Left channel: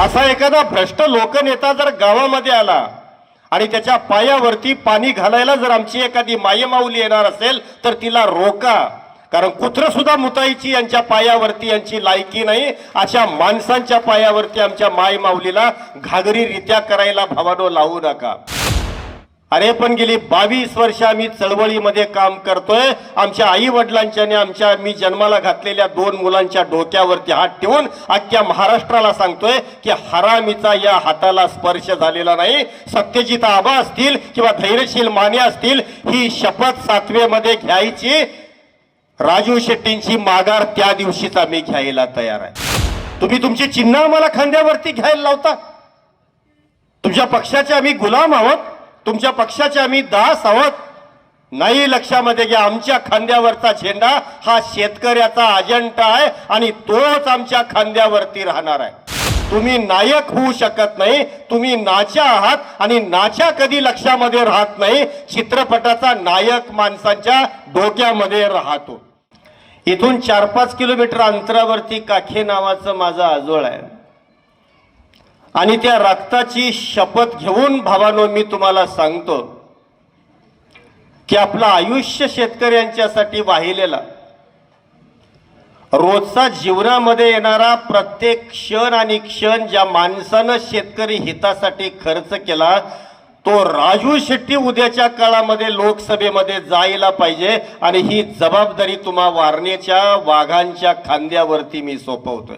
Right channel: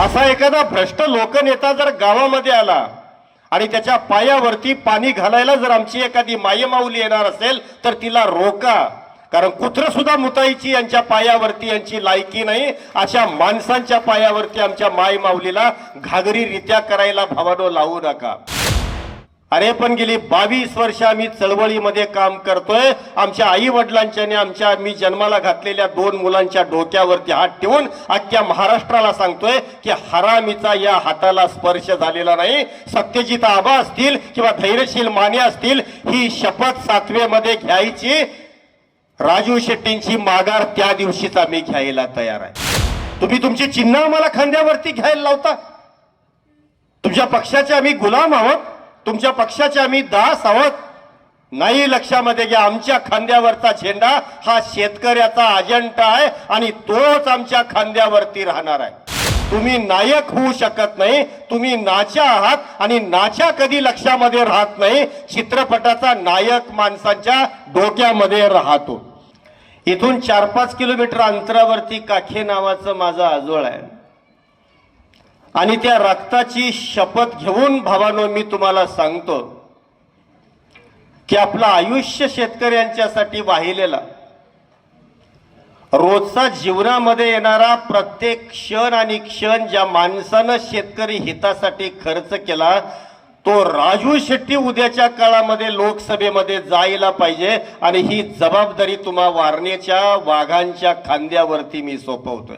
असा एखादा भ्रष्ट लोकनेता जर गावामध्ये आला आणि त्याच्या पायावरती पाणी घालायला जर आमची एखादी मायमाऊली येणार असेल तर तिला रोका, कारण कुत्र सुद्धा मुताईची यांच्या पायावरती यांची लायकी नाही. अशा माणसांच्या पायावरती आमच्या मायमाऊलीला घागरीरित्या करायला भावानो लावू नका. अरे पण गेली 22 वर्ष आम्ही चळवळीमध्ये काम करतोय. आमच्या आई वडिलांच्या मी जन्माला घातलेल्या 2 मुलांच्या डोक्यावरती हात ठेवून अख्ख्या महाराष्ट्राला सांगतोय की हरामीचा या हाताला स्पर्श झालेला नाही. सत्यजित आबा असतील किंवा धैर्यशील माने असतील, ही शपथ 7वे मध्ये घ्यायची. राजू शेट्टींची माघार त्या दिवशीच आम्ही घ्यायला तयार आहे. तुम्ही तुमची चिन्ह आम्हाला खांद्यावरती घ्यायला लावता. तुमच्या पक्षाचे आम्ही गुलाम आहोत, तुमच्या पक्षाचे आम्ही दास आहोत. नाही, लक्षामध्ये घ्या, आमच्या खांद्यावरचा झेंडा हा शेतकऱ्याचा अजेंडा आहे आणि तोच आमच्या खांद्यावरती राहणार आहे. तुम्ही नायक होऊ शकत नाही, तुम्ही नाच्या आहात आणि नाच्या कधी लक्षामध्ये राहत नाही. चित्रपटाचा नायक माणसांच्या डोक्यामध्ये राहतो. इथून 4-5 किलोमीटर अंतरावरती काखे नावाचं माझं आजोळ आहे आणि त्या रक्ताची शपथ घेऊन भावानो मी तुम्हाला सांगतो की आपलं आयुष्य शेतकऱ्यांच्यासाठी वाहिलेला, रोजचा जीवनामध्ये येणारा प्रत्येक क्षण आणि क्षण ज्या माणसानं शेतकरी हितासाठी खर्च केला, तो राजू शेट्टी उद्याच्या काळामध्ये लोकसभेमध्ये जायला पाहिजे. आणि ही जबाबदारी तुम्हा वारणेच्या वाघांच्या खांद्यावरती मी सोपवतोय.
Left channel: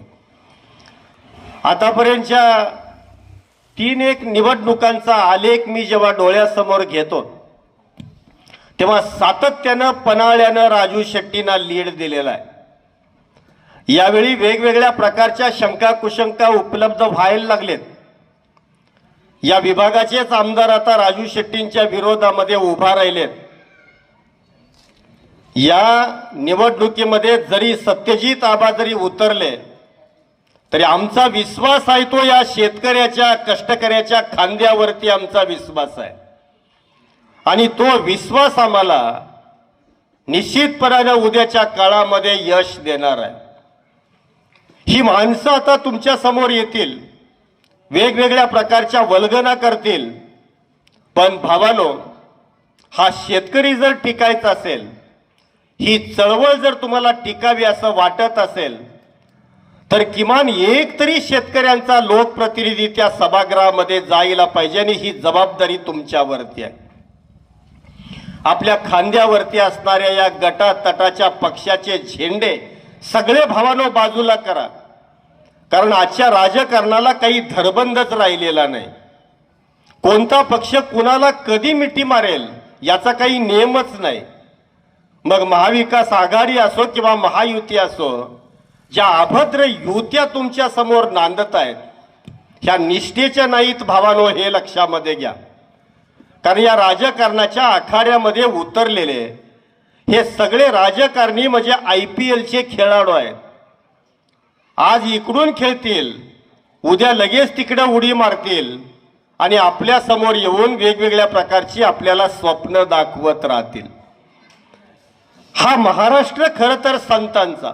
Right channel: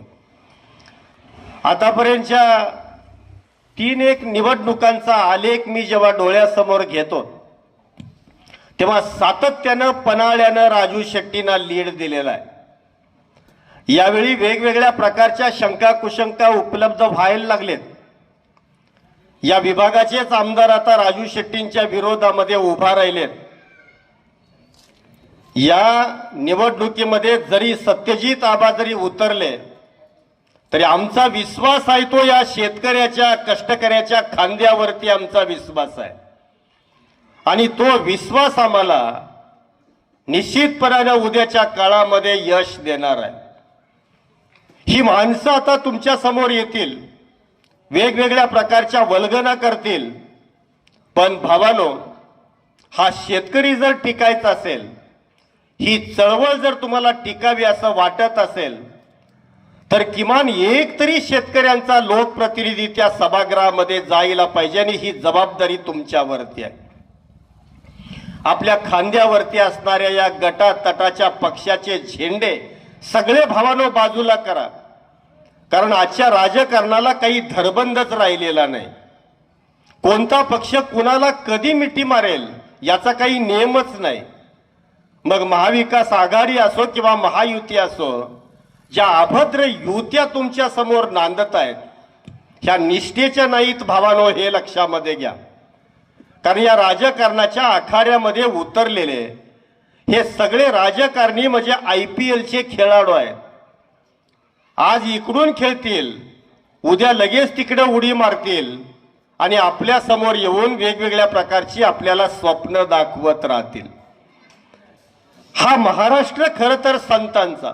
आतापर्यंतच्या 3 निवडणुकांचा आलेख मी जेव्हा डोळ्यासमोर घेतो तेव्हा सातत्यानं पन्हाळ्यानं राजू शेट्टींना लीड दिलेला आहे. यावेळी वेगवेगळ्या प्रकारच्या शंका कुशंका उपलब्ध व्हायला लागलेत. या विभागाचेच आमदार आता राजू शेट्टींच्या विरोधामध्ये उभा राहिलेत. या निवडणुकीमध्ये जरी सत्यजित आबा जरी उतरले तरी आमचा विश्वास आहे तो या शेतकऱ्याच्या कष्टकऱ्याच्या खांद्यावरती आमचा विश्वास आहे आणि तो विश्वास आम्हाला निश्चितपणाने उद्याच्या काळामध्ये यश देणार आहे. ही माणसं आता तुमच्या समोर येतील, वेगवेगळ्या प्रकारच्या वल्गना करतील, पण भावानो, हा शेतकरी जर टिकायचा असेल, ही चळवळ जर तुम्हाला टिकावी असं वाटत असेल तर किमान एक तरी शेतकऱ्यांचा लोकप्रतिनिधी त्या सभागृहामध्ये जायला पाहिजे आणि ही जबाबदारी तुमच्यावरती आहे. आपल्या खांद्यावरती असणाऱ्या या गटातटाच्या पक्षाचे झेंडे सगळे भावानो बाजूला करा, कारण आजच्या राजकारणाला काही धरबंधच राहिलेला नाही. कोणता पक्ष कुणाला कधी मिठी मारेल याचा काही नियमच नाही. मग महाविकास आघाडी असो किंवा महायुती असो, ज्या अभद्र युत्या तुमच्या समोर नांदत आहेत ह्या निष्ठेच्या नाहीत भावानो, हे लक्षामध्ये घ्या. कारण या राजकारणाच्या आखाड्यामध्ये उतरलेले हे सगळे राजकारणी म्हणजे IPLचे खेळाडू आहेत. आज इकडून खेळतील, उद्या लगेच तिकडे उडी मारतील आणि आपल्या समोर येऊन वेगवेगळ्या प्रकारची आपल्याला स्वप्न दाखवत राहतील. हा महाराष्ट्र खरं तर संतांचा,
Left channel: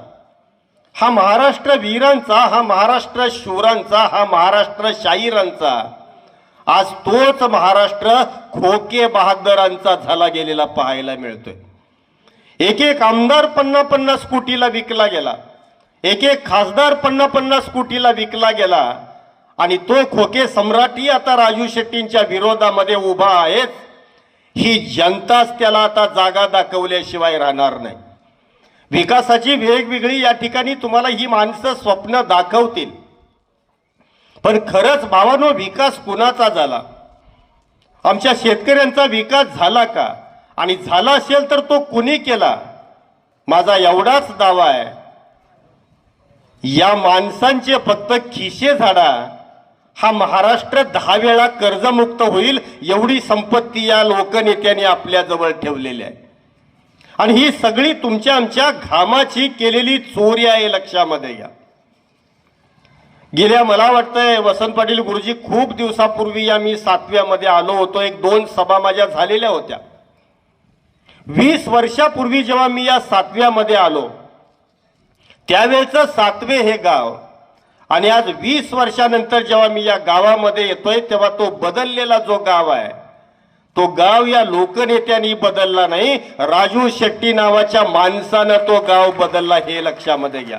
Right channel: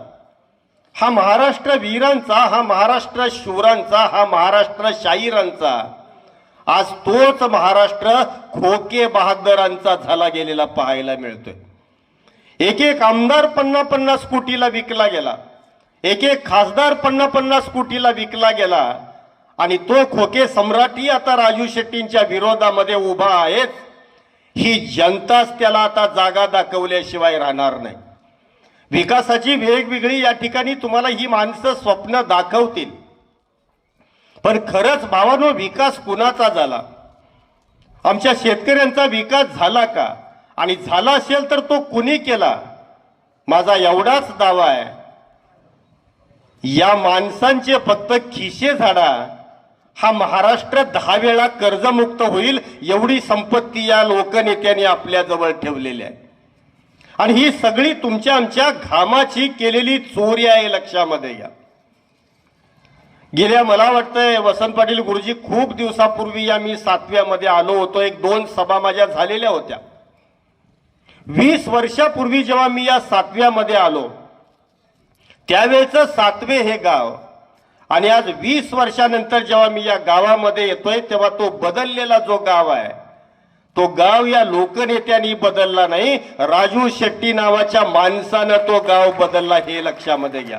हा महाराष्ट्र वीरांचा, हा महाराष्ट्र शूरांचा, हा महाराष्ट्र शाहिरांचा, आज तोच महाराष्ट्र खोके बहादरांचा झाला गेलेला पाहायला मिळतोय. एक आमदार 50-50 कोटीला विकला गेला, एक खासदार 50-50 कोटीला विकला गेला आणि तो खोके सम्राटी आता राजू शेट्टींच्या विरोधामध्ये उभा आहेत. ही जनताच त्याला आता जागा दाखवल्याशिवाय राहणार नाही. विकासाची वेगवेगळी या ठिकाणी तुम्हाला ही माणसं स्वप्न दाखवतील, पण खरंच भावानो विकास कुणाचा झाला? आमच्या शेतकऱ्यांचा विकास झाला का? आणि झाला असेल तर तो कुणी केला? माझा एवढाच दावा आहे, या माणसांचे फक्त खिसे झाडा, हा महाराष्ट्र 10 वेळा कर्जमुक्त होईल एवढी संपत्ती या लोकनेत्याने आपल्या जवळ ठेवलेली आहे. आणि ही सगळी तुमच्या आमच्या घामाची केलेली चोरी आहे, लक्षामध्ये घ्या. गेल्या मला वाटतंय वसंत पाटील गुरुजी खूप दिवसापूर्वी आम्ही 7व्यामध्ये आलो होतो. 1-2 सभा माझ्या झालेल्या होत्या. 20 वर्षापूर्वी जेव्हा मी या 7व्यामध्ये आलो त्यावेळेचं 7वे हे गाव आणि आज 20 वर्षानंतर जेव्हा मी या गावामध्ये येतोय तेव्हा तो बदललेला जो गाव आहे तो गाव या लोकनेत्यांनी बदलला नाही, राजू शेट्टी नावाच्या माणसानं तो गाव बदलला, हे लक्षामध्ये घ्या.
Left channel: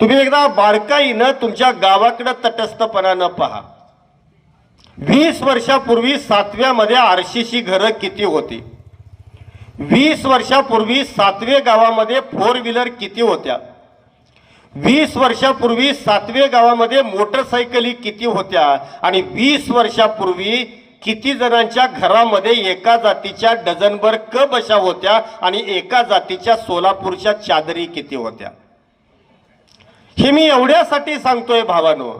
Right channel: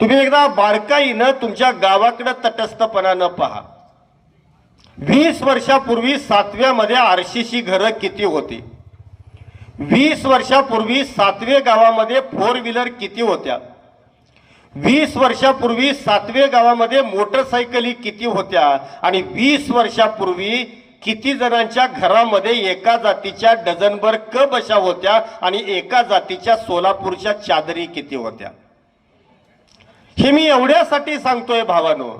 तुम्ही एकदा बारकाईनं तुमच्या गावाकडे तटस्थपणानं पहा. 20 वर्षापूर्वी 7व्यामध्ये आरसीसी घरं किती होती? 20 वर्षापूर्वी 7वे गावामध्ये 4 व्हीलर किती होत्या? 20 वर्षापूर्वी 7वे गावामध्ये मोटरसायकली किती होत्या? आणि 20 वर्षापूर्वी किती जणांच्या घरामध्ये एका जातीच्या डझनभर क बशा होत्या आणि एका जातीच्या सोलापूरच्या चादरी किती होत्या? हे मी एवढ्यासाठी सांगतोय भावानो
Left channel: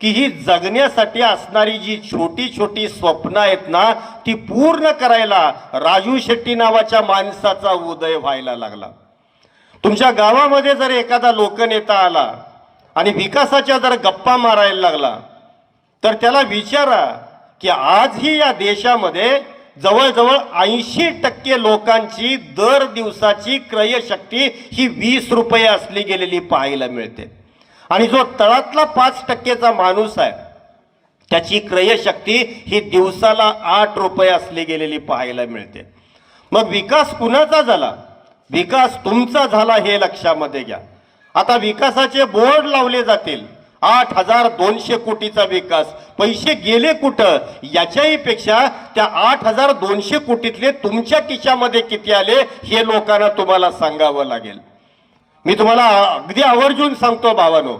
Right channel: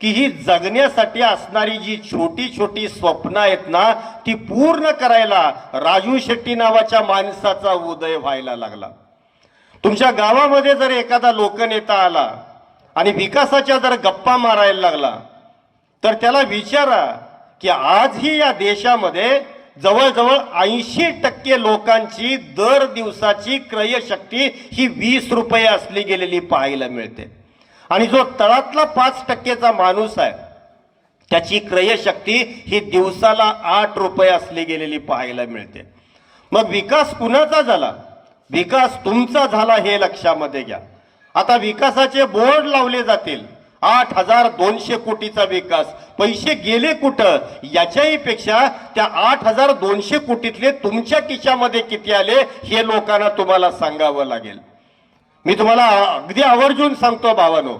की ही जगण्यासाठी असणारी जी छोटी छोटी स्वप्न आहेत ना ती पूर्ण करायला राजू शेट्टी नावाच्या माणसाचा उदय व्हायला लागला. तुमच्या गावामध्ये जर एखादा लोकनेता आला आणि विकासाच्या जर गप्पा मारायला लागला तर त्याला विचारा की आजही या देशामध्ये जवळजवळ 80% लोकांची दर दिवसाची क्रयशक्ती ही 20 रुपये असली गेलेली पाहायला मिळते. आणि जो तळातला 5%चा माणूस आहे त्याची क्रयशक्ती ही दिवसाला 8 रुपये असली गेलेली पाहायला मिळते. मग विकास कुणाचा झाला? विकास तुमचा झाला, हे लक्षामध्ये घ्या. आता विकासाचे बोर्ड लावले जातील, 8,200 कोटीचा विकास. पैसे गेले कुठं याच्याही पेक्षा त्या 8,200 कोटीतले तुमच्या खिशामध्ये किती आले हे लोकांना तुम्हाला सांगावं लागेल. मी तुम्हाला अगदी आवर्जून सांगतो भावानो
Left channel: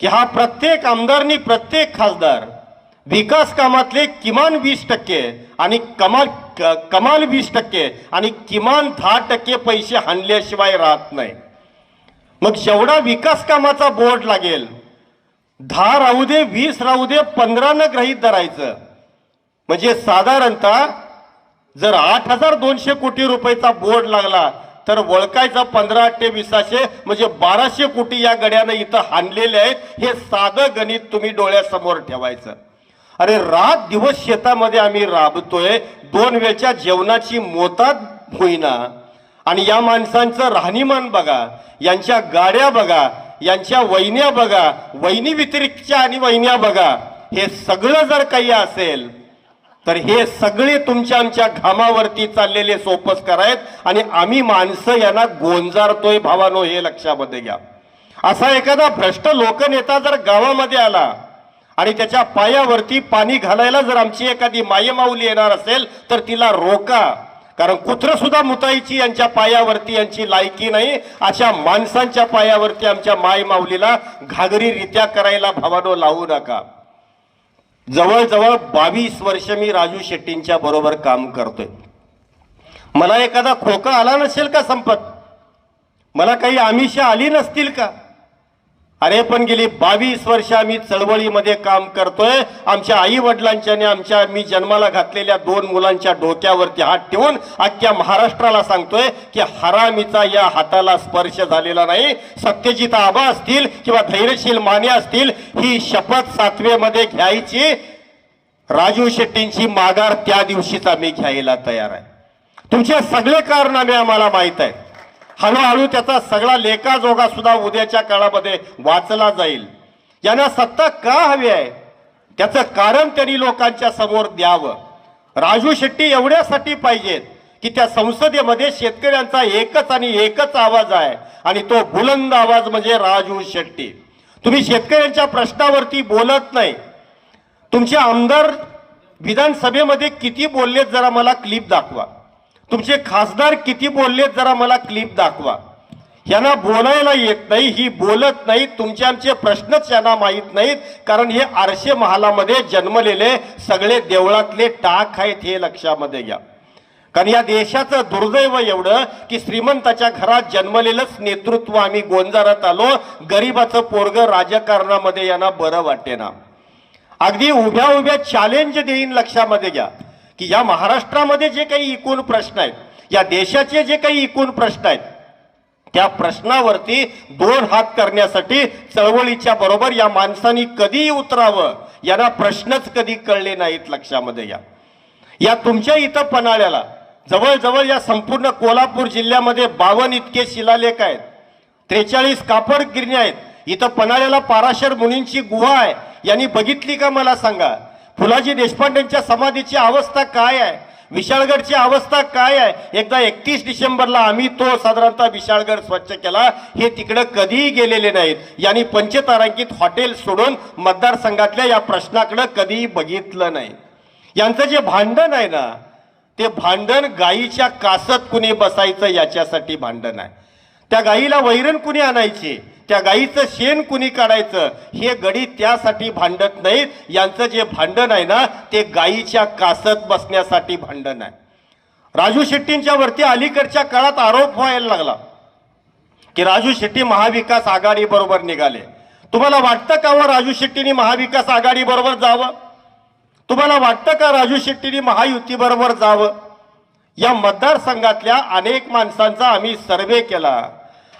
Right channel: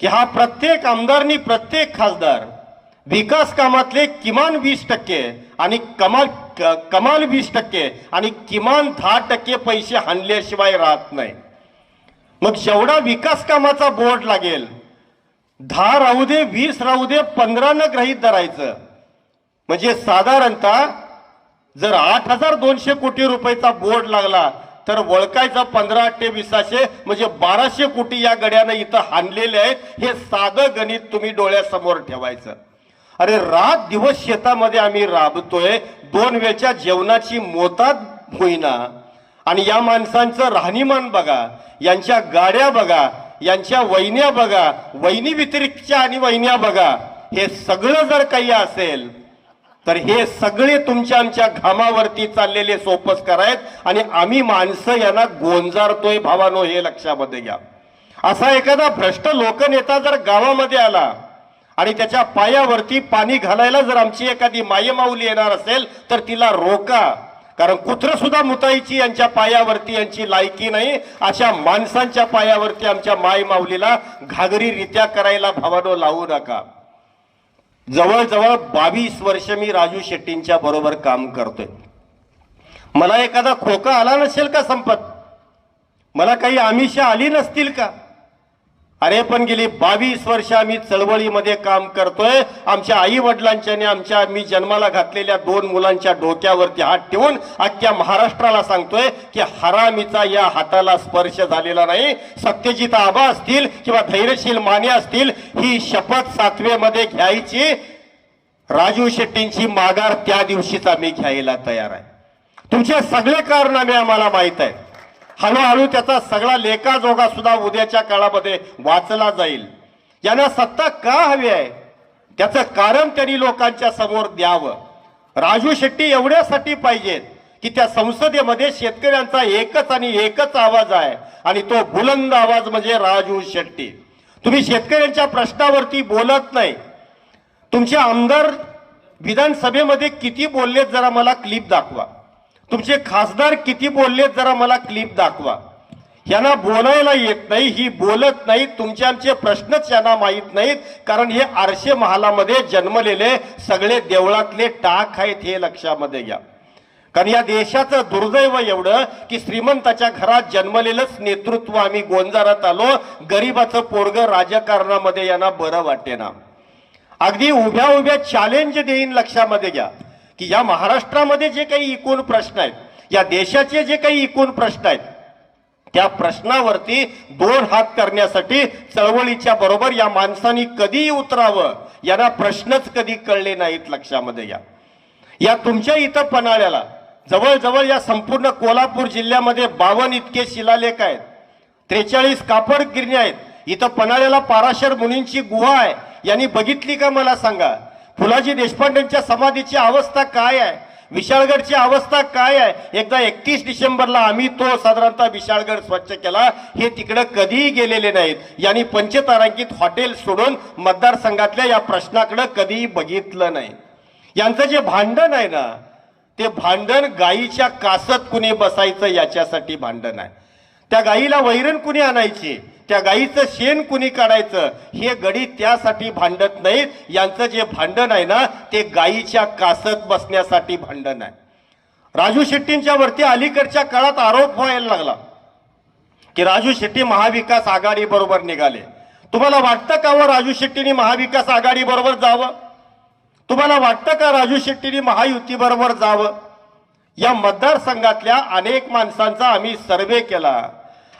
की हा प्रत्येक आमदारनी प्रत्येक खासदार विकास कामातले किमान 20% आणि कमाल 20% आणि किमान 10% पैसे हाणल्याशिवाय राहत नाही. मग जेवढा विकास कामाचा बोर्ड लागेल 10 राहू दे 20 राहू दे 15 न गृहीत धरायचं. म्हणजे साधारणतः जर 8,200 कोटी रुपयाचा बोर्ड लागला तर वळकायचा 15 ते 20 म्हणजे 1200 कोटी या गड्यानं इथं हाणलेले आहेत. हे साधं गणित तुम्ही डोळ्यासमोर ठेवायचं. अरे रात दिवस शेतामध्ये आम्ही राबतोय, 2 वेळच्या जेवणाची मोताद होईना आणि या माणसांचं राहणीमान बघा, यांच्या गाड्या बघा, यांच्या वैन्या बघा, वैनी व्यतिरिक्तच्या आणि वैन्या बघा. हे सगळं जर काही असेल तर हे सगळे तुमच्या आमच्या घामावरती चाललेले सोपस करायत आणि आम्ही माणसं यांना गोंजारतोय भावानो, हे लक्षामध्ये घ्या. असा एखादा भ्रष्ट लोकनेता जर गावामध्ये आला आणि त्याच्या पायावरती पाणी घालायला जर आमची एखादी मायमाऊली येणार असेल तर तिला रोका. कारण कुत्र सुद्धा मुताईची यांच्या पायावरती यांची लायकी नाही. अशा माणसांच्या पायावरती आमच्या माय माऊलीला घागरीरित्या करायला भावानो लावू नका. जवळजवळ 22 वर्ष मी राजू शेट्टींच्या बरोबर काम करतोय. मला एखादा खोका आला नसेल का संपत? मला काही आमिषा आली नसतील का? अरे पण गेली 22 वर्ष आम्ही चळवळीमध्ये काम करतोय. आमच्या आई वडिलांच्या मी जन्माला घातलेल्या 2 मुलांच्या डोक्यावरती हात ठेवून अख्ख्या महाराष्ट्राला सांगतोय की हरामीचा या हाताला स्पर्श झालेला नाही. सत्यजित आबा असतील किंवा धैर्यशील माने असतील, ही शपथ 7वेमध्ये घ्यायची. राजू शेट्टींची माघार त्या दिवशीच आम्ही घ्यायला तयार आहे. तुमचे सगळे कारनामे आम्हाला माहित आहे. हळूहळू त्याचा सगळा लेखाजोगा सुद्धा उद्याच्या काळामध्ये वाचला जाईल. यांना सत्ता का हवी आहे त्याचं कारण त्यांनी लोकांच्या समोर द्यावं. राजू शेट्टी एवढ्यासाठी पाहिजेत की त्या संसदेमध्ये शेतकऱ्यांचा एकच आणि एकच आवाज आहे आणि तो बुलंद आवाज म्हणजे राजू शेट्टी. तुम्ही शेतकऱ्यांच्या प्रश्नावरती बोलत नाही. तुमचे आमदार विधानसभेमध्ये किती बोललेत जरा मला क्लिप दाखवा. तुमचे खासदार किती बोललेत जरा मला क्लिप दाखवा. यांना बोलायला येत नाही, ही बोलत नाही. तुमचे आमचे प्रश्नच यांना माहीत नाहीत. कारण हे आरशे महालामध्ये जन्मलेले सगळे देवळातले टाक आहेत, हे लक्षामध्ये घ्या. कारण या देशाचं दुर्दैव एवढं की श्रीमंताच्या घरात जन्मलेलंच नेतृत्व आम्ही गोंजारत आलो. गरीबाचं पोरग राजकारणामध्ये यांना बरं वाटेना. अगदी उभ्या उभ्या चॅलेंज देईन, लक्षामध्ये घ्या की या महाराष्ट्रामध्ये जे काही एकूण प्रश्न आहेत, या देशाचे जे काही एकूण प्रश्न आहेत, त्या प्रश्नावरती 2 हात करण्यासाठी चळवळीच्या बरोबर या माणसांनी कधी उतरावं यांना प्रश्नच कधी कळले नाहीत. लक्षामध्ये घ्या. या तुमच्या इथं पन्हाळ्याला जवळजवळ या संपूर्ण कोल्हापूर जिल्ह्यामध्ये 52 इतके शिलालेख आहेत, 43 कापड गिरण्या आहेत. इथं पन्हाळ्याला पाराशर मुनींची गुहा आहे, यांनी बघितली का मला सांगा? फुलाजी देशपांडेंच्या समाधीची अवस्था काय आहे? विशाळगडची अवस्था काय आहे? एकदा 31 डिसेंबरला आम्ही तो साधारणतः विशाळगड स्वच्छ केला, हे तिकडे कधीही गेलेले नाहीत. यांनी पंचतारांकित हॉटेल सोडून मतदारसंघातल्या या प्रश्नाकडे कधीही बघितलं नाही. यांचं जे भांडण आहे ना, ते भांडण गायीच्या कासत कुणी बसायचं याच्यासाठी भांडण आहे. त्या गायीला वैरण कुणी आणायची, त्या गायीचं शेण कुणी काढायचं, हे गडी त्यासाठी भांडत नाहीत. यांचं जे भांडण आहे ना, ते गायीच्या कासत बसण्यासाठी भांडण आहे. राजू शेट्टींच्या वरती अलीकडच्या काळात आरोप व्हायला लागला की राजू शेट्टी महाविकास आघाडी बरोबर निघाले. तुम्हाला वाटतं का राजू शेट्टींनी महाविकास आघाडी बरोबर जावं? तुम्हाला वाटतं का राजू शेट्टींनी महायुती बरोबर जावं? या मतदारसंघातल्या अनेक माणसांचा आम्ही सर्वे केला.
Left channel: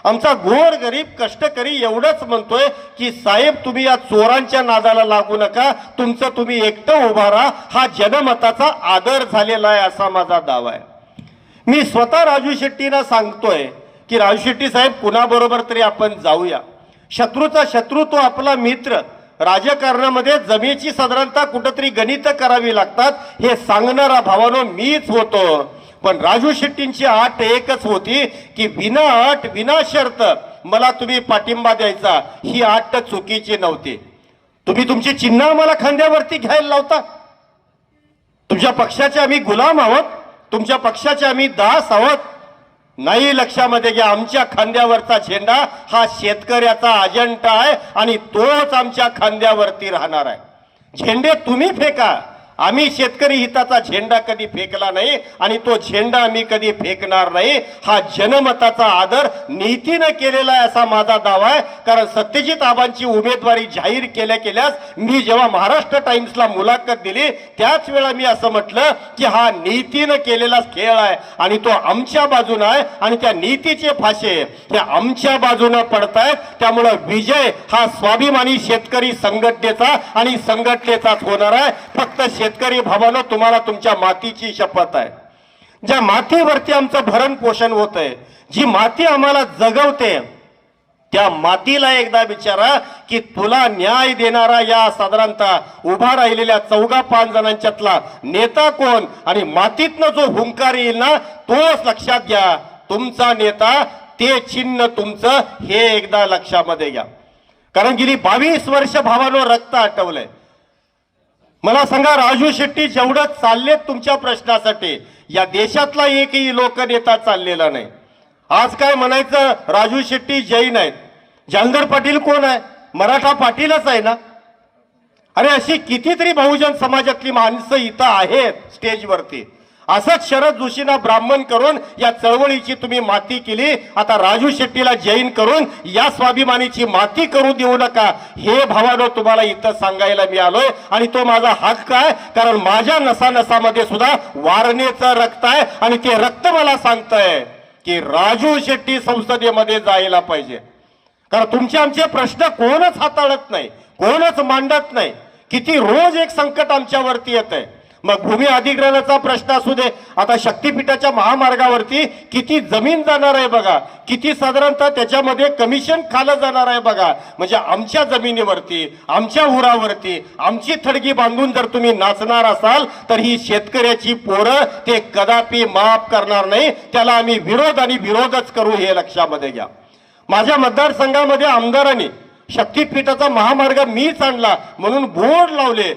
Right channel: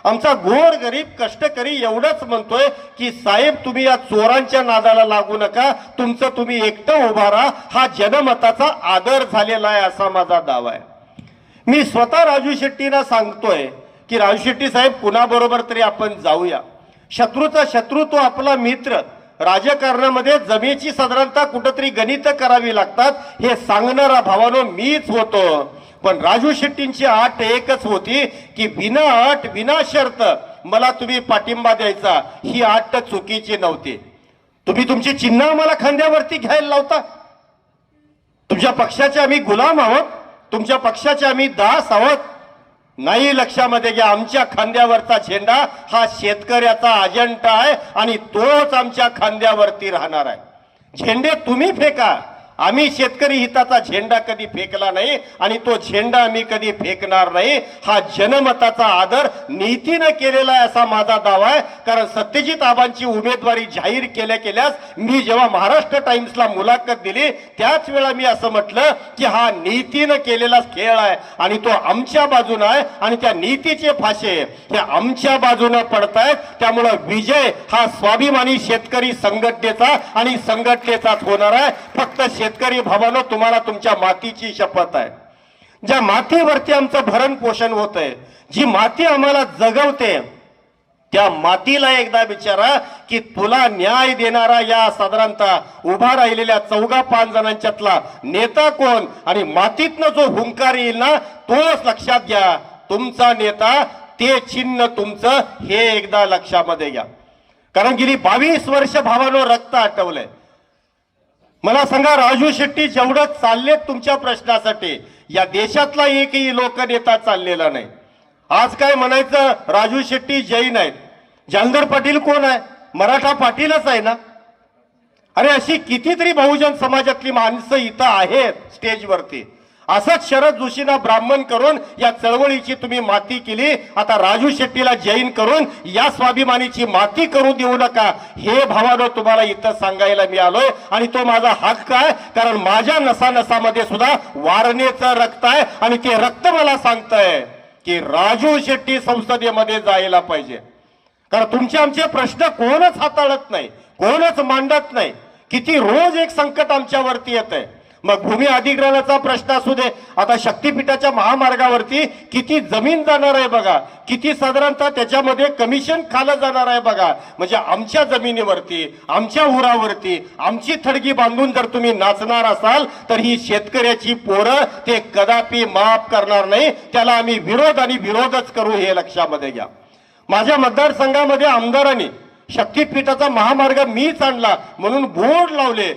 आमचा गोर गरीब कष्टकरी एवढंच म्हणतोय की साहेब, तुम्ही या चोरांच्या नादाला लागू नका, तुमचं तुम्ही एकटं उभा राहा. हा जनमताचा आदर झालेला आहे असा माझा दावा आहे. मी स्वतः राजू शेट्टींना सांगतोय की राजू शेट्टी साहेब, कुणाबरोबर तरी आपण जाऊया. शत्रूचा शत्रू तो आपला मित्र. राजकारणामध्ये जमेची साधारणतः कुठंतरी गणित करावी लागतात, हे सांगणारा भावानो मीच होतो. पण राजू शेट्टींची अट एकच होती की विना अट विना शर्त मला तुम्ही पाठिंबा द्यायचा. ही अट चुकीची नव्हती. तुम्ही तुमची चिन्ह आम्हाला खांद्यावरती घ्यायला लावता. तुमच्या पक्षाचे आम्ही गुलाम आहोत, तुमच्या पक्षाचे आम्ही दास आहोत. नाही, लक्षामध्ये घ्या, आमच्या खांद्यावरचा झेंडा हा शेतकऱ्याचा अजेंडा आहे आणि तोच आमच्या खांद्यावरती राहणार आहे. झेंडे तुम्ही फेका, आम्ही शेतकरी हिताचा झेंडा कधी फेकला नाही आणि तो झेंडा आम्ही कधी फेकणार नाही. हा जनमताचा आदर नीतीनं केलेला आहे असा माझा दावा आहे. कारण सत्यजित आबांची उमेदवारी जाहीर केल्यास मी जेव्हा महाराष्ट्र टाइम्सला मुलाखत दिली त्याच वेळा मी असं म्हटलं की हा नीतीनं केलेला खेळ आहे आणि तो आमच्या बाजूने आहे आणि त्या नीतीचे फाशे हे आमच्या बाजूने पडतायत. त्यामुळे विजय हा स्वाभिमानी शेतकरी संघटनेचा आणि संघटनेचाच होणार आहे. फक्त शेतकरी भावानो, तुम्हाला तुमच्या मातीची शपथ आहे. ज्या मातीवरती आमचं भरण पोषण होतंय, जी माती आम्हाला जगवते, त्या मातीला एकदा विचारा की तुला न्याय देणारा या साधारणतः उभा राहिलेल्या 14-5 जणांच्यातला नेता कोण आणि मातीतनं जो हुंकार येईल ना, तोच लक्षात घ्या तुमचा नेता, ते चिन्ह तुमचं, हे एकदा लक्षामध्ये घ्या. कारण गेली 22 वर्ष भावानो रक्त आटवलंय. मला सांगा, राजू शेट्टी जेवढं चाललेत तुमच्या प्रश्नासाठी, या देशातला एकही लोकनेता चाललेला नाही. आज काय म्हणायचं, राजू शेट्टी जैन आहेत. जहांगीर पाटील कोण आहे? मराठा पाटीलच आहे ना. अरे अशी कितीतरी बहुजन समाजातली माणसं इथं आहेत स्टेजवरती. असंच शरद जोशींना ब्राह्मण करून या चळवळीची तुम्ही माती केली. आता राजू शेट्टीला जैन करून या स्वाभिमानीची माती करू देऊ नका, हे भावानो तुम्हाला इथं सांगायला मी आलोय. आणि तो माझा हक्क आहे, कारण माझ्या नसानसामध्ये सुद्धा वारणेचं रक्त आहे आणि ते रक्त मला सांगतंय की राजू शेट्टी संसदेमध्ये जायला पाहिजे. कारण तुमचे आमचे प्रश्न कोणच हाताळत नाही, कोणच मांडत नाही. किती रोज एक संकट आमच्यावरती येत आहे. मग भूमी अधिग्रहणाचा प्रश्न असू दे, आता शक्तीपीठाच्या महामार्गावरती किती जमीन जाणार आहे बघा, किती साधारणतः त्याच्यामध्ये कमिशन खालं जाणार आहे बघा. म्हणजे आमच्या जमिनीवरती, आमच्या उरावरती आमची थडगी बांधून जर तुम्ही नाचणार असाल तर ही शेतकऱ्याची पोरं ते कदापि माफ करणार नाही. त्याला आम्ही विरोध आणि विरोधच करू, हे लक्षामध्ये घ्या. माझ्या मतदारसंघामध्ये आमदारांनी शक्तीपीठाचा महामार्ग मीच आणला म्हणून बोर्ड लावले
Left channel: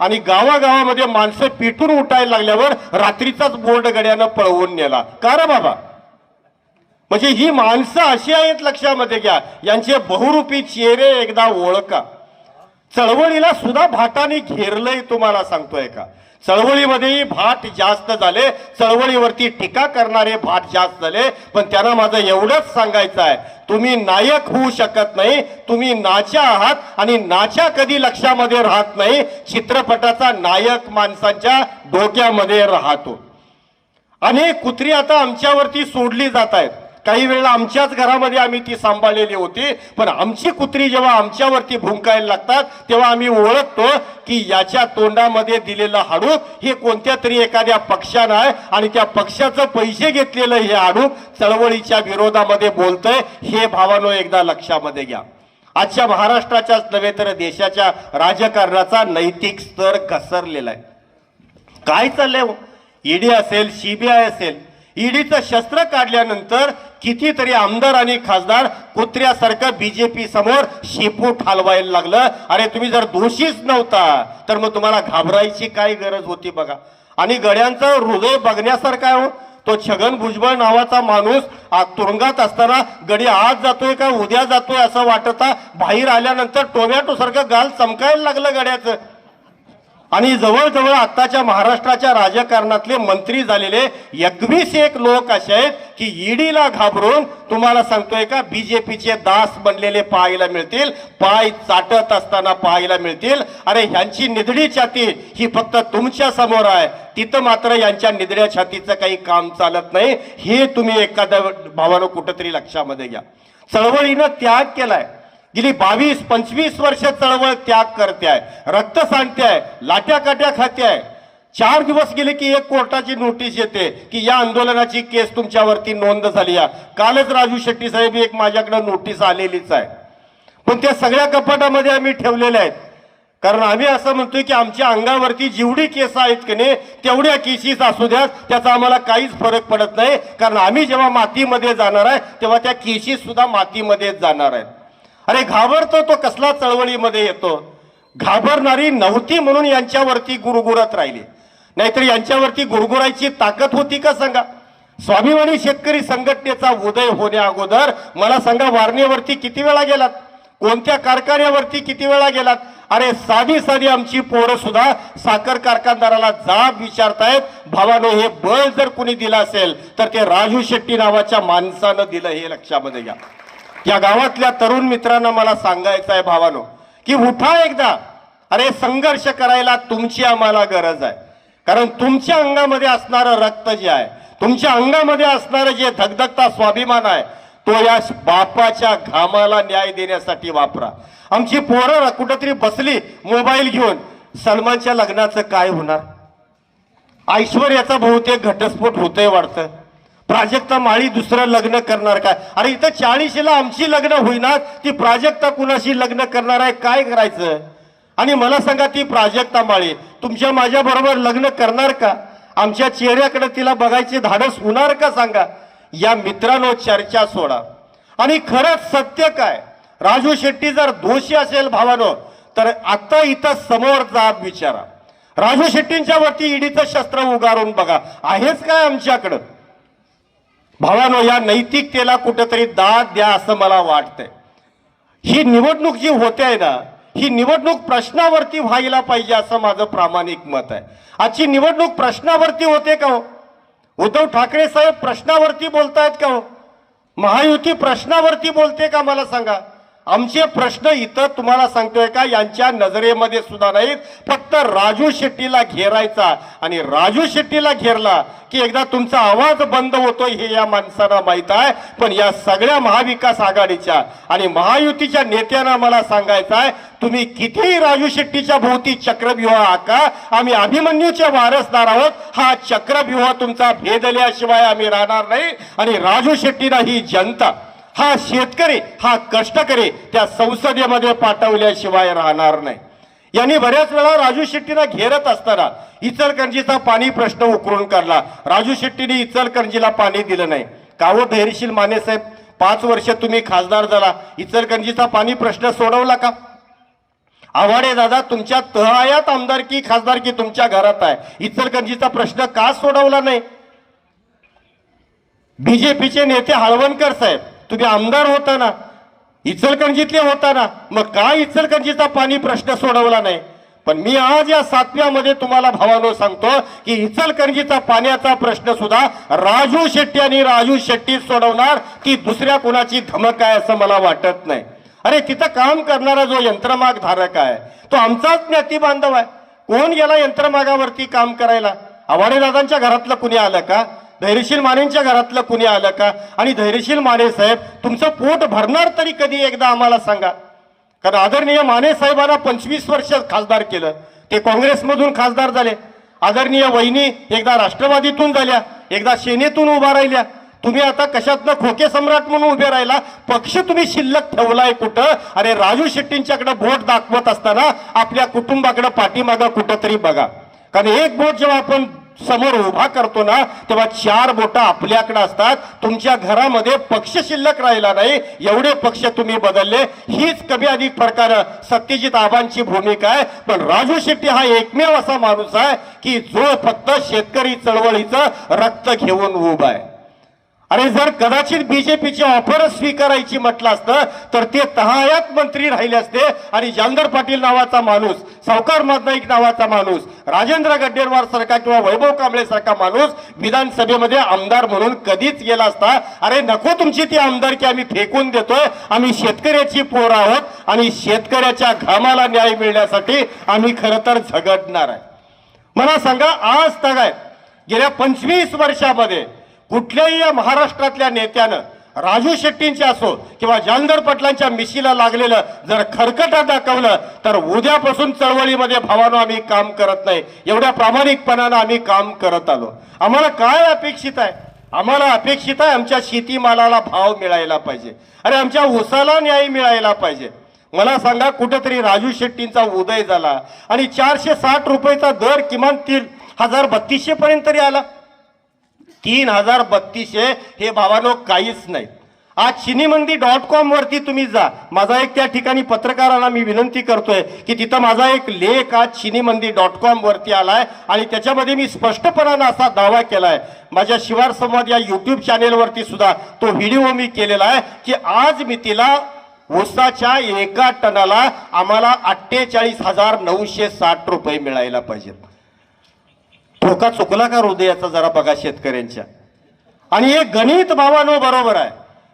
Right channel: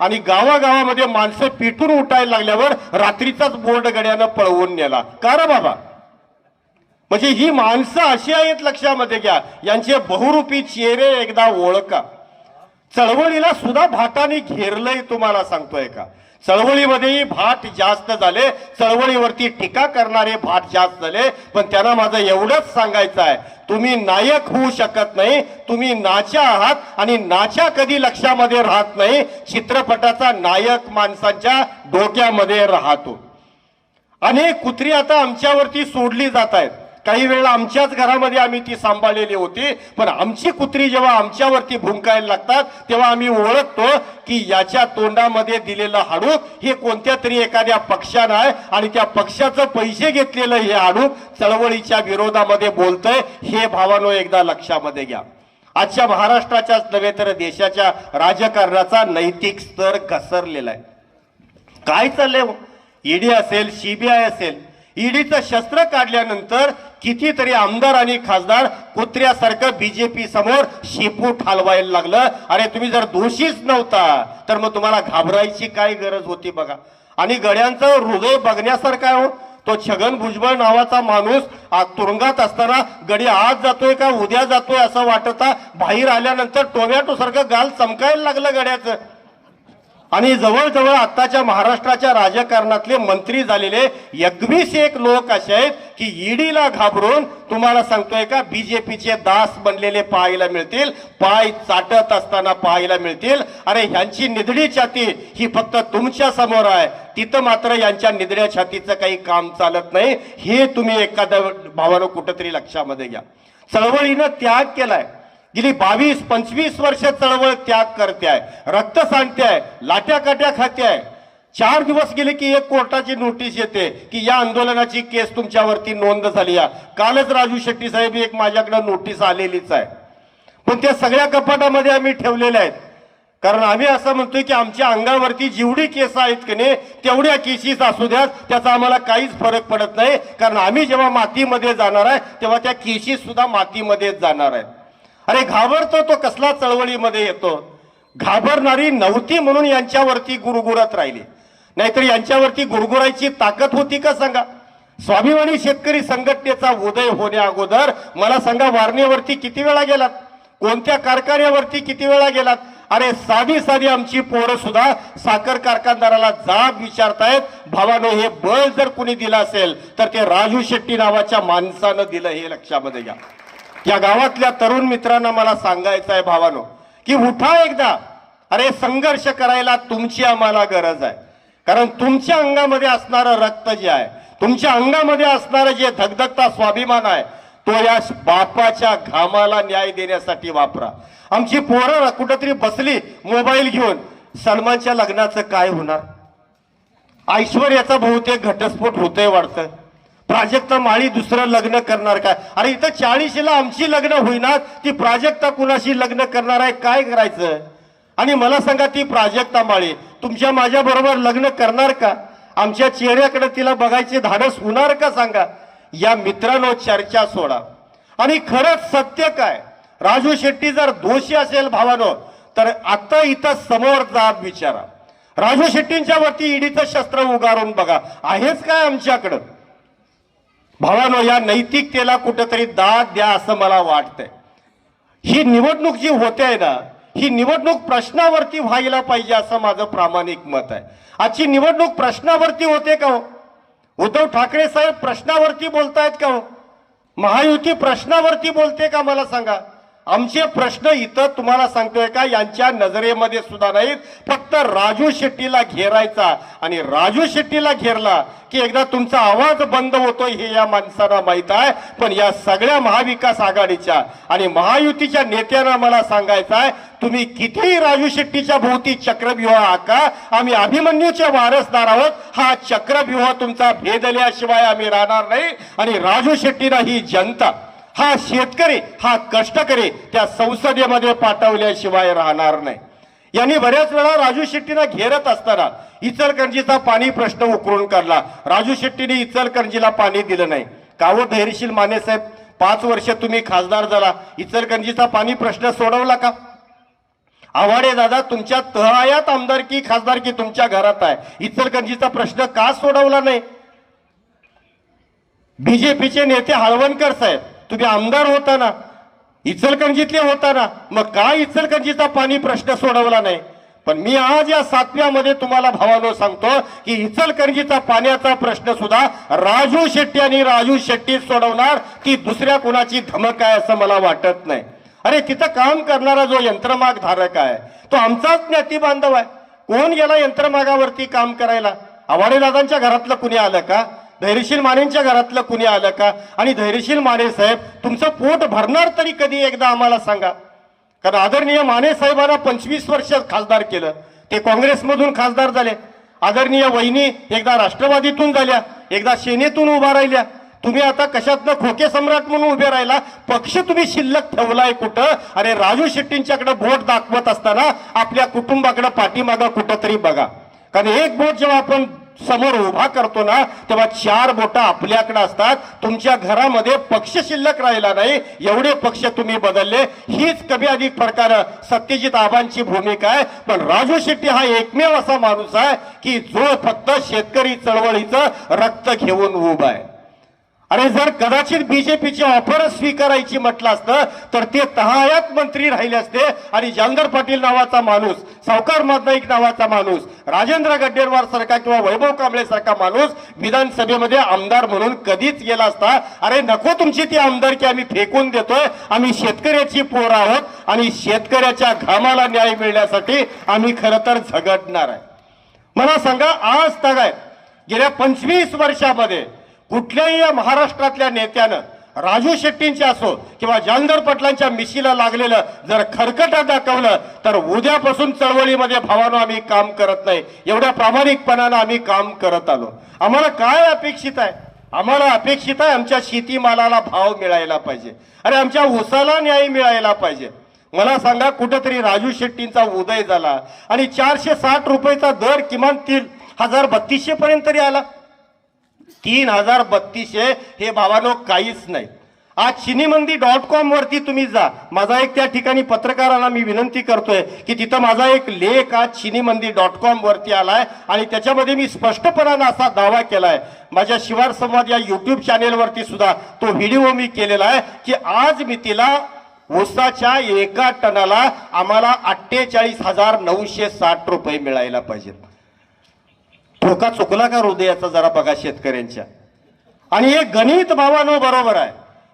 आणि गावागावामध्ये माणसं पिटून उठायला लागल्यावर रात्रीचाच बोर्ड गड्यानं पळवून नेला. का रे बाबा? म्हणजे ही माणसं अशी आहेत, लक्षामध्ये घ्या. यांचे बहुरूपी चेहरे एकदा ओळखा. चळवळीला सुद्धा भाटाने घेरलंय, तुम्हाला सांगतोय का? चळवळीमध्येही भाट जास्त झाले, चळवळीवरती टीका करणारे भाट जास्त झाले. पण त्यांना माझं एवढंच सांगायचं आहे, तुम्ही नायक होऊ शकत नाही, तुम्ही नाच्या आहात आणि नाच्या कधी लक्षामध्ये राहत नाही. चित्रपटाचा नायक माणसांच्या डोक्यामध्ये राहतो. अनेक कुत्री आता आमच्यावरती सोडली जात आहेत. काही वेळेला आमच्याच घरामध्ये आम्ही ती सांभाळलेली होती, पण आमची कुत्री जेव्हा आमच्यावरती भुंकायला लागतात तेव्हा आम्ही ओळखतो की याच्या तोंडामध्ये दिलेलं हाडूक हे कोणत्या तरी एखाद्या पक्षानं आहे आणि त्या पक्षाचं पैसे घेतलेलं हे हाडूक चळवळीच्या विरोधामध्ये बोलतंय. हे भावानो एकदा लक्षामध्ये घ्या. आजच्या महाराष्ट्राच्याच नव्हे तर देशाच्या राजकारणाचा नैतिक स्तर घसरलेला आहे. काय चाललंय? ईडी असेल, सीबीआय असेल, ईडीचं शस्त्र काढल्यानंतर कितीतरी आमदार आणि खासदार कुत्र्यासारखं बीजेपी समोर शेपूट हलवायला लागलं. अरे तुम्ही जर दोषीच नव्हता तर मग तुम्हाला घाबरायची काय गरज होती बघा. आणि गड्यांचं हृदय बघण्यासारखं आहे हो. तो छगन भुजबळ नावाचा माणूस तुरुंगात असताना गडी आज जातोय का उद्या जातोय असं वाटता, बाहेर आल्यानंतर टोमॅटो सारखं गाल चमकायला लागलं गड्याचं. आणि जवळजवळ आताच्या महाराष्ट्राच्या राजकारणातले मंत्री झालेले 21 लोक असे आहेत की ईडीला घाबरून तुम्हाला सांगतोय का बीजेपीचे दास बनलेले पाहायला मिळतील, पाय चाटत असताना पाहायला मिळतील. अरे ह्यांची निधडी छाती ही फक्त तुमच्या समोर आहे, तिथं मात्र यांच्या निधड्या छातीचं काही काम चालत नाही. हे तुम्ही एखाद्या भावानं कुठंतरी लक्षामध्ये घ्या. चळवळीनं त्याग केलाय. गेली 22-25 वर्ष चळवळ त्याग करते आहे, रक्त सांडते आहे, लाट्या काट्या खाते आहे. 4 दिवस गेले की एक कोर्टाची नोटीस येते की या आंदोलनाची केस तुमच्यावरती नोंद झाली आहे. कालच राजू शेट्टी साहेब एक माझ्याकडे नोटीस आलेलीच आहे, पण त्या सगळ्या कपाटामध्ये आम्ही ठेवलेल्या आहेत. कारण आम्ही असं म्हणतोय की आमच्या अंगावरती जेवढी केस आहेत की नाही तेवढ्या केसेस असू द्या, त्याचा आम्हाला काहीच फरक पडत नाही. कारण आम्ही जेव्हा मातीमध्ये जाणार आहे तेव्हा त्या केसेस सुद्धा मातीमध्येच जाणार आहेत. अरे घाबरतो तो कसला चळवळीमध्ये येतो? घाबरणारी नव्हती म्हणून यांच्यावरती गुरगुरत राहिली, नाहीतर यांच्यावरती गुरगुरायची ताकद होती का सांगा? स्वाभिमानी शेतकरी संघटनेचा उदय होण्या अगोदर मला सांगा वारणेवरती किती वेळा गेलात, कोणत्या कारखान्यावरती किती वेळा गेलात? अरे साधी आमची पोरं सुद्धा साखर कारखानदाराला जाब विचारतायत. भावानो हे बळ जर कुणी दिलं असेल तर ते राजू शेट्टी नावाच्या माणसानं दिलं, हे लक्षामध्ये घ्या. या गावातल्या तरुण मित्रांना मला सांगायचं आहे भावानो की उठा एकदा. अरे संघर्ष करायला तुमची आम्हाला गरज आहे. कारण तुमच्या अंगामध्ये असणारं रक्त जे आहे, तुमच्या अंगामध्ये असणारं जे धगधगता स्वाभिमान आहे, तो या बापाच्या घामाला न्याय देण्यासाठी वापरा. आमची पोरं कुठंतरी बसली मोबाईल घेऊन, सलमानच्या लग्नाचं काय होणार? ऐश्वर्याचा बहुतेक घटस्फोट होतोय वाटतं. प्राजक्ता माळी दुसरं लग्न करणार काय? अरे इथं 40ला आमची लग्न होईना, ती प्राजक्ता कुणाशी लग्न करणार आहे? काय करायचं? आणि मला सांगा ती प्राजक्ता माळी तुमच्या माझ्या बरोबर लग्न करणार का? आमच्या चेहऱ्याकडे तिला बघायची धाडस होणार का सांगा? या मित्रांनो चर्चा सोडा. आणि खरंच सत्य काय? राजू शेट्टी जर दोषी असेल भावानो तर आता इथं समोर जाब विचारा. राजू शेट्टींच्या वरती ईडीचं शस्त्र उगारून बघा, आहेच काय आमच्याकडं? भावानो या नैतिकतेला कुठेतरी दाद द्या असं मला वाटतंय. ही निवडणूक जी होते आहे ना, ही निवडणूक प्रश्नावरती व्हायला पाहिजे असं माझं प्रामाणिक मत आहे. आजची निवडणूक प्रश्नावरती होते का हो? उद्धव ठाकरे साहेब प्रश्नावरती बोलतायत का हो? महायुती प्रश्नावरती बोलते का? मला सांगा. आमचे प्रश्न इथं तुम्हाला सांगतोय का यांच्या नजरेमध्ये सुद्धा नाहीत. फक्त राजू शेट्टीला घेरायचा, आणि राजू शेट्टीला घेरला की एकदा तुमचा आवाज बंद होतोय हे या माणसांना माहित आहे. पण या सगळ्या महाविकास आघाडीच्या आणि महायुतीच्या नेत्यांना मला सांगायचं आहे, तुम्ही कितीही राजू शेट्टीच्या भोवती चक्रव्यूह आका, आम्ही अभिमन्यूचे वारसदार आहोत. हा चक्रव्यूह तुमचा भेदल्याशिवाय आम्ही राहणार नाही. आणि राजू शेट्टीला ही जनता, हा शेतकरी, हा कष्टकरी त्या संसदेमध्ये पाठवल्याशिवाय राहणार नाही. यांनी बऱ्याच वेळा राजू शेट्टीला घेरत असताना इचलकरंजीचा पाणी प्रश्न उकरून काढला. राजू शेट्टीने इचलकरंजीला पाणी दिलं नाही. कावो धैर्यशील माने साहेब, 5 वर्ष तुम्ही खासदार झाला, इचलकरंजीचा पाणी प्रश्न सोडवला का? आव्हाडे दादा, तुमच्या तहआयात आमदारकी खासदारकी तुमच्या घरात आहे, इचलकरंजीचा प्रश्न का सोडवला नाही? बीजेपीचे नेते हळवणकर साहेब, तुम्ही आमदार होता ना, इचलकरंजीतले होता ना, मग काय इचलकरंजीचा पाणी प्रश्न सोडवला नाही? पण मी आज या 7व्यामध्ये तुम्हाला भावानो सांगतो की इचलकरंजीचा पाण्याचा प्रश्न सुद्धा राजू शेट्टी आणि राजू शेट्टी सोडवणार, ती दुसऱ्या कोणाची धमक आहे असं मला वाटत नाही. अरे तिथं काम करणारा जो यंत्रमाग धारक आहे तो आमचाच ज्ञाती बांधव आहे. कोण गेला यंत्रमागावरती काम करायला? आव्हाडे दादांच्या घरातलं कुणी आलं का? धैर्यशील मानेंच्या घरातलं कुणी आलं का? आणि धैर्यशील माने साहेब तुमचं पोट भरणार तरी कधी एकदा आम्हाला सांगा. कारण आदरणीय माने साहेबांना 25 वर्ष खासदार केलं, ते काँग्रेसमधून खासदार झाले. आदरणीय वहिनी एकदा राष्ट्रवादीतून झाल्या, एकदा सेनेतून उभा राहिल्या. तुम्ही आता कशातनं खोके सम्राट म्हणून उभे राहिला? पक्ष तुम्ही शिल्लक ठेवलाय कुठं? अरे राजू शेट्टींच्याकडे बोट दाखवत असताना आपल्या कुटुंबाकडे पाठीमागं कुठं तरी बघा. कारण एक बोट जेव्हा आपण समोर उभा करतो ना, तेव्हा 4 बोटं आपल्याकडे असतात. तुमच्या घरामध्ये पक्ष शिल्लक राहिला नाही, एवढे पक्ष तुम्ही बदलले. हीच कमी अधिक प्रकारे सत्यजित आबांची भूमिका आहे. पण राजू शेट्टी हा एकमेव असा माणूस आहे की जो फक्त शेतकरी चळवळीचं रक्त घेऊन उभा आहे. अरे जर कदाचित बीजेपीची ऑफर स्वीकारायची म्हटलं असतं तर ते तहायात मंत्री राहिले असते आणि जालंधर पाटील नावाचा माणूस, सावकार नाईक नावाचा माणूस, राजेंद्र गड्डेवार सारखा किंवा वैभव कांबळे सारखा माणूस विधानसभेमध्ये आमदार म्हणून कधीच गेला असता. अरे नको तुमची ती आमदारकी, आम्ही फेकून देतोय. आम्ही शेतकऱ्याची पोर आहोत आणि शेतकऱ्याच्या घामाला न्याय मिळण्यासाठी आम्ही खरं तर झगडणार आहे. मला सांगा, आज तगाय गेल्या 25 वर्षामध्ये कुठल्याही या महाराष्ट्रातल्या नेत्यानं राजू शेट्टींचे असो किंवा जालंधर पाटलांच्या मिशीला लागलेलं जर खरकटा दाखवलं तर उद्यापासून चळवळीमध्ये भावानो आम्ही काम करत नाही. एवढ्या प्रामाणिकपणानं आम्ही काम करत आलो. आम्हाला काय अपेक्षित आहे? आम्हाला अपेक्षित आहे आमच्या शेतीमालाला भाव मिळायला पाहिजे. अरे आमच्या ऊसाला न्याय मिळायला पाहिजे. मला सांगा, कुठंतरी राजू शेट्टींचा उदय झाला आणि 460 रुपयाचा दर किमान 3032 पर्यंत तरी आला. 3032 हे भावानो काहीच नाही. आज चिनीमंदी.com वरती तुम्ही जा. माझा एक त्या ठिकाणी पत्रकारांना मी विनंती करतोय की तिथं माझा एक लेख आज चिनीमंदी.com वरती आलाय आणि त्याच्यामध्ये मी स्पष्टपणानं असा दावा केलाय. माझ्या शिवार संवाद या युट्यूब चॅनेलवरती सुद्धा तो व्हिडिओ मी केलेला आहे की आज मी तिला ऊसाच्या एका टनाला आम्हाला 48,960 रुपये मिळायला पाहिजेत. धोका चुकला का हृदयाचा जरा बघा शेतकऱ्यांच्या. आणि हे गणित भावानो बरोबर आहे.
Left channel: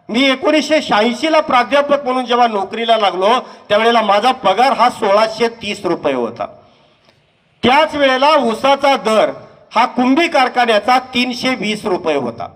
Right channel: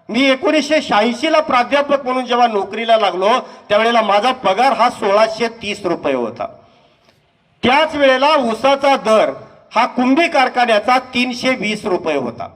मी 1986ला प्राध्यापक म्हणून जेव्हा नोकरीला लागलो त्यावेळेला माझा पगार हा 1630 रुपये होता. त्याच वेळेला ऊसाचा दर हा कुंभी कारखान्याचा 320 रुपये होता.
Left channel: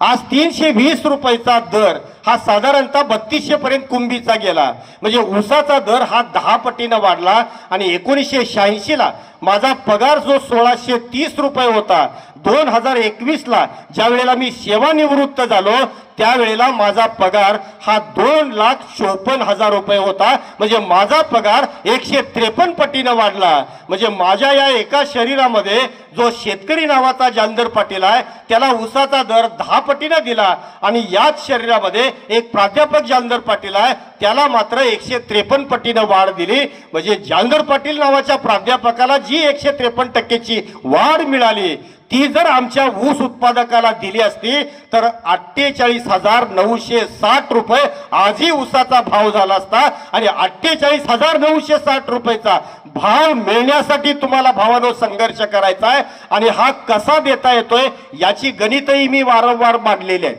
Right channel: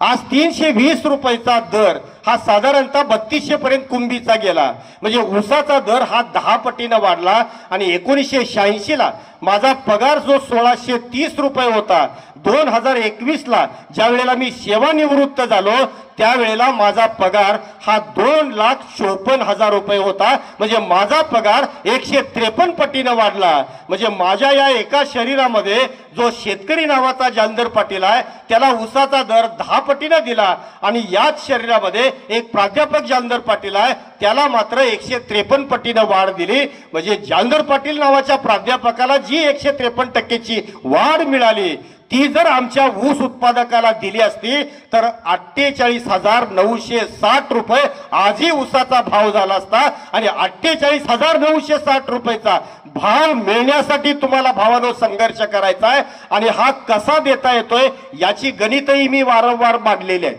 आज 320 रुपयाचा दर हा साधारणतः 3200 पर्यंत कुंभीचा गेला. म्हणजे ऊसाचा दर हा 10 पटीनं वाढला. आणि 1986ला माझा पगार जो 1630 रुपये होता, 2021ला ज्या वेळेला मी सेवानिवृत्त झालो त्यावेळेला माझा पगार हा 2,54,000 रुपये होता. म्हणजे माझा पगार 153 पटीनं वाढला. म्हणजे माझ्या या एका शरीरामध्ये जो शेतकरी नावाचा जालंधर पाटील आहे त्याला ऊसाचा दर 10 पटीनं दिला आणि याच शरीरामध्ये एक प्राध्यापक जालंधर पाटील आहे त्याला मात्र 153 पटीनं वाढ दिली. म्हणजे जालंधर पाटील नावाच्या प्राध्यापकाला जी 153% वाढ मिळाली ती जर आमच्या ऊस उत्पादकाला दिली असती तर 48,960 रुपये आजही ऊसाचा भाव झाला असता. आणि 48,960 रुपयेचा भाव मिळण्यासाठी तुम्हाला भावानो संघर्ष करायचा आहे. आणि हा कसा देता येतोय याची गणितही मी वारंवार मांडलेली आहे.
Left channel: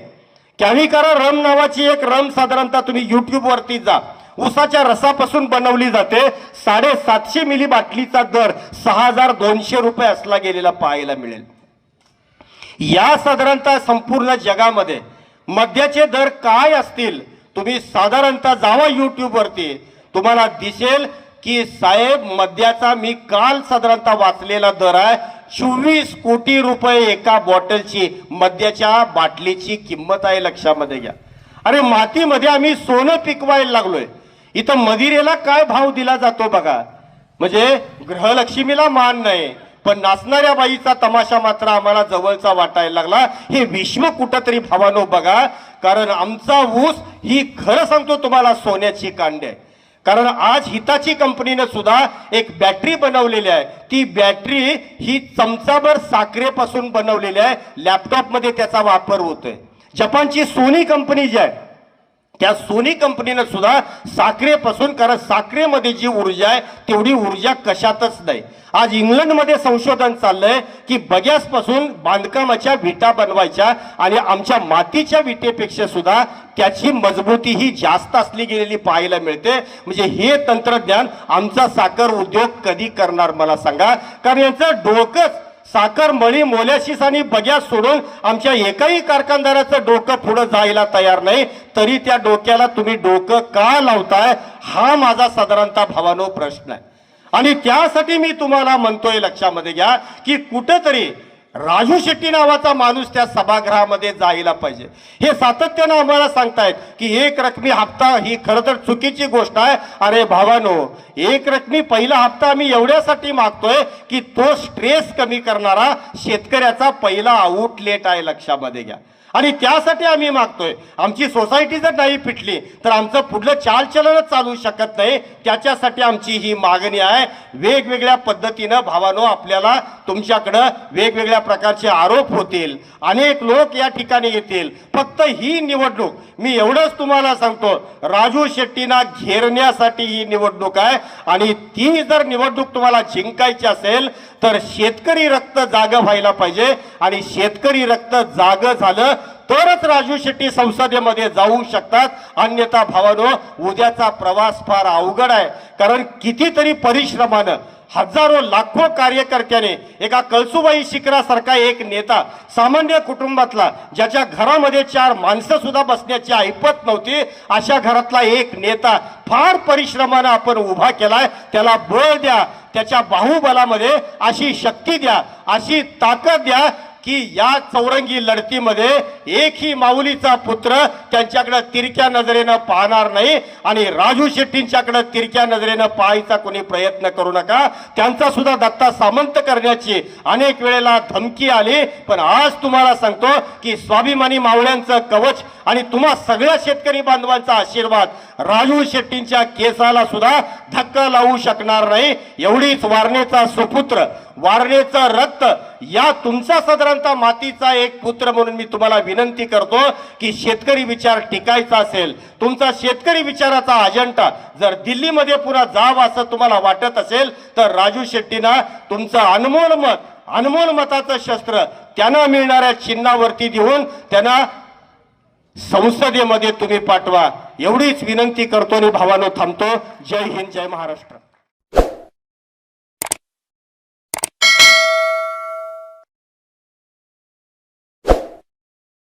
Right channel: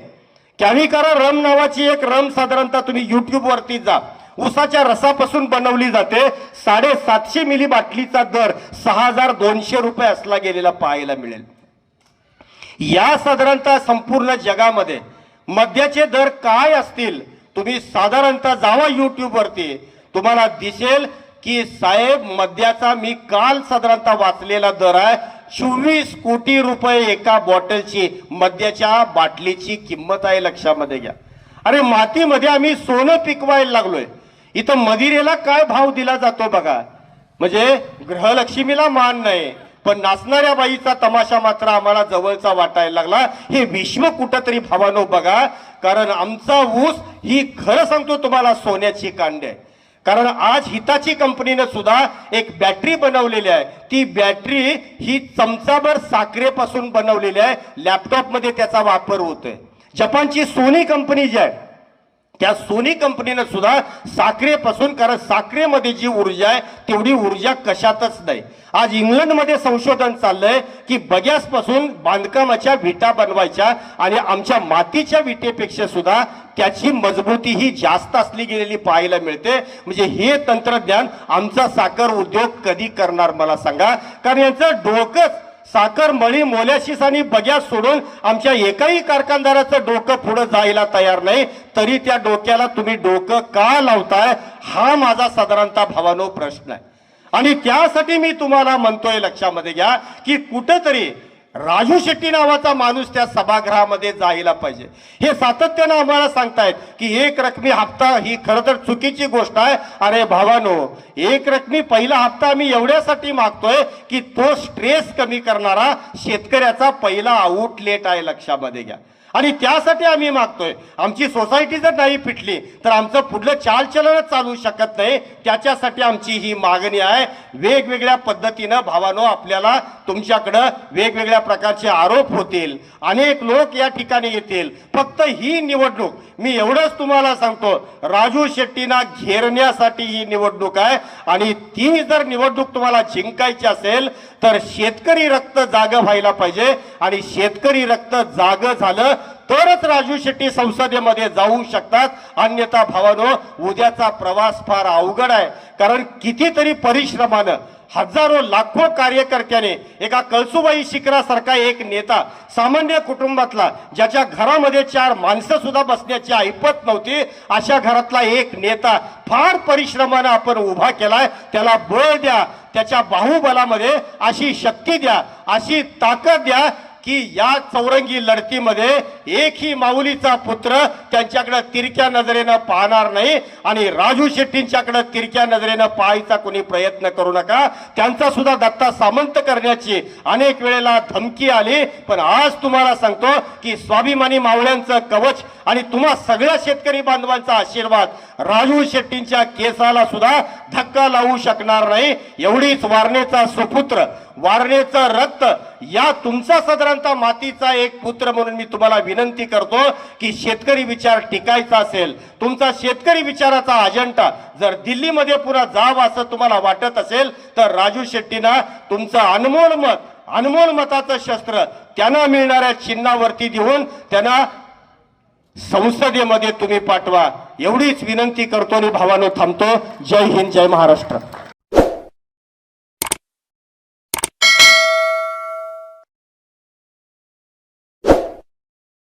कॅव्हिकारा रम नावाची एक रम साधारणतः तुम्ही युट्यूब वरती जा, ऊसाच्या रसापासून बनवली जाते. 750 मिली बाटलीचा दर 6,200 रुपये असला गेलेला पाहायला मिळेल. या साधारणतः संपूर्ण जगामध्ये मद्याचे दर काय असतील तुम्ही साधारणतः जावा युट्यूब वरती, तुम्हाला दिसेल की साहेब मद्याचा मी काल साधारणतः वाचलेला दर आहे 24 कोटी रुपये एका बॉटलची मद्याच्या बाटलीची किंमत आहे. लक्षामध्ये घ्या. अरे मातीमध्ये आम्ही सोनं पिकवायला लागलोय. इथं मदिरेला काय भाव दिला जातो बघा. म्हणजे ग्रहलक्ष्मीला मान नाही पण नाचणाऱ्या बाईचा तमाशा मात्र आम्हाला जवळचा वाटायला लागला. हे विश्व कुठंतरी भावानो बघा. कारण आमचा ऊस ही खरं सांगतो तुम्हाला सोन्याची कांडी आहे. कारण आज हिताची कंपनीने सुद्धा एक बॅटरी बनवलेली आहे. ती बॅटरी ही चमचाभर साखरेपासून बनवलेली आहे. लॅपटॉपमध्ये त्याचा वापर होतोय. जपानची सोनी कंपनी जी आहे त्या सोनी कंपनीने सुद्धा साखरेपासून, कारण साखरेमध्ये जी ऊर्जा आहे तेवढी ऊर्जा कशातच नाही. आज इंग्लंडमध्ये संशोधन चाललंय की बग्यासपासून बांधकामाच्या विटा बनवायच्या आणि आमच्या मातीच्या विटेपेक्षा सुद्धा त्याची मजबूती ही जास्त असली गेलेली पाहायला मिळते. म्हणजे हे तंत्रज्ञान आमचा साखर उद्योग कधी करणार मला सांगा. कारण यांचं डोकंच साखर मळी मोल्याशीस आणि बग्यात सोडून आमच्या एकाही कारखानदाराचं डोकं पुढे जायला तयार नाही, तरी त्या डोक्याला तुम्ही डोकं का लावताय, हा माझा साधारणतः भावानो प्रश्न आहे. आणि त्यासाठी मी तुम्हाला म्हणतोय, लक्षामध्ये घ्या की कुठंतरी राजू शेट्टी नावाचा माणूस त्या सभागृहामध्ये जायला पाहिजे. हे सातत्यानं आम्हाला सांगतायत की एक रकमी हप्ता ही खरं तर चुकीची गोष्ट आहे. अरे भावानो, एक रकमी पहिला हप्ता आम्ही एवढ्यासाठी मागतोय की तो स्ट्रेस कमी करणारा शेतकऱ्याचा पहिला आउटलेट आहे, लक्षामध्ये घ्या. आणि त्यासाठी आम्ही मागतोय. आमची सोसायटी जर नाही पिटली तर आमचं पुढलं चालचलनच चालू शकत नाही. त्याच्यासाठी आमची ही मागणी आहे. वेगवेगळ्या पद्धतीनं भावानो आपल्याला तुमच्याकडं वेगवेगळ्या प्रकारचे आरोप होतील, अनेक लोक या ठिकाणी येतील. फक्त ही निवडणूक मी एवढंच तुम्हाला सांगतो, राजू शेट्टींना घेरण्यासाठी ही निवडणूक आहे. आणि ती जर निवडणूक तुम्हाला जिंकायची असेल तर शेतकरी रक्त जागं व्हायला पाहिजे. आणि शेतकरी रक्त जागं झालं तरच राजू शेट्टी संसदेमध्ये जाऊ शकतात. अन्यथा भावानो, उद्याचा प्रवास फार अवघड आहे. कारण कितीतरी परिश्रमानं हजारो लाखो कार्यकर्त्याने एका कळसुबाई शिखरासारखा एक नेता, सामान्य कुटुंबातला, ज्याच्या घरामध्ये 4 माणसं सुद्धा बसण्याची ऐपत नव्हती, अशा घरातला एक नेता फार परिश्रमानं आपण उभा केलाय. त्याला बळ द्या, त्याच्या बाहुबलामध्ये अशी शक्ती द्या, अशी ताकद द्या की या चौरंगी लढतीमध्ये एकही माऊलीचा पुत्र त्यांच्याकडे तिरक्या नजरेनं पाहणार नाही. आणि राजू शेट्टींच्याकडे तिरक्या नजरेनं पाहायचा कोणी प्रयत्न करू नका. त्यांचा सुद्धा दत्ता सामंत करण्याची अनेक वेळेला धमकी आली, पण आज तुम्हाला सांगतो की स्वाभिमानी मावळ्यांचं कवच आणि तुम्हा सगळ्या शेतकरी बांधवांचा आशीर्वाद राजू शेट्टींच्या केसाला सुद्धा धक्का लावू शकणार नाही. एवढीच वारणेचा सुपुत्र, वारणेचं रक्त, या तुमचा साधारणतः मातीचा एक पुत्र म्हणून मी तुम्हाला विनंती करतो की शेतकरी विचार टिकायचा असेल, तुमचा शेतकरी विचाराचा अजेंडा जर दिल्लीमध्ये पुन्हा जावं असं तुम्हाला वाटत असेल तर राजू शेट्टींना तुमचं अनमोल मताचं शस्त्र त्यांना मिळणाऱ्या चिन्हावरती देऊन त्यांना संसदेमध्ये तुम्ही पाठवा. एवढीच विनंती करतो आणि भावानो थांबतो. जय हिंद, जय महाराष्ट्र.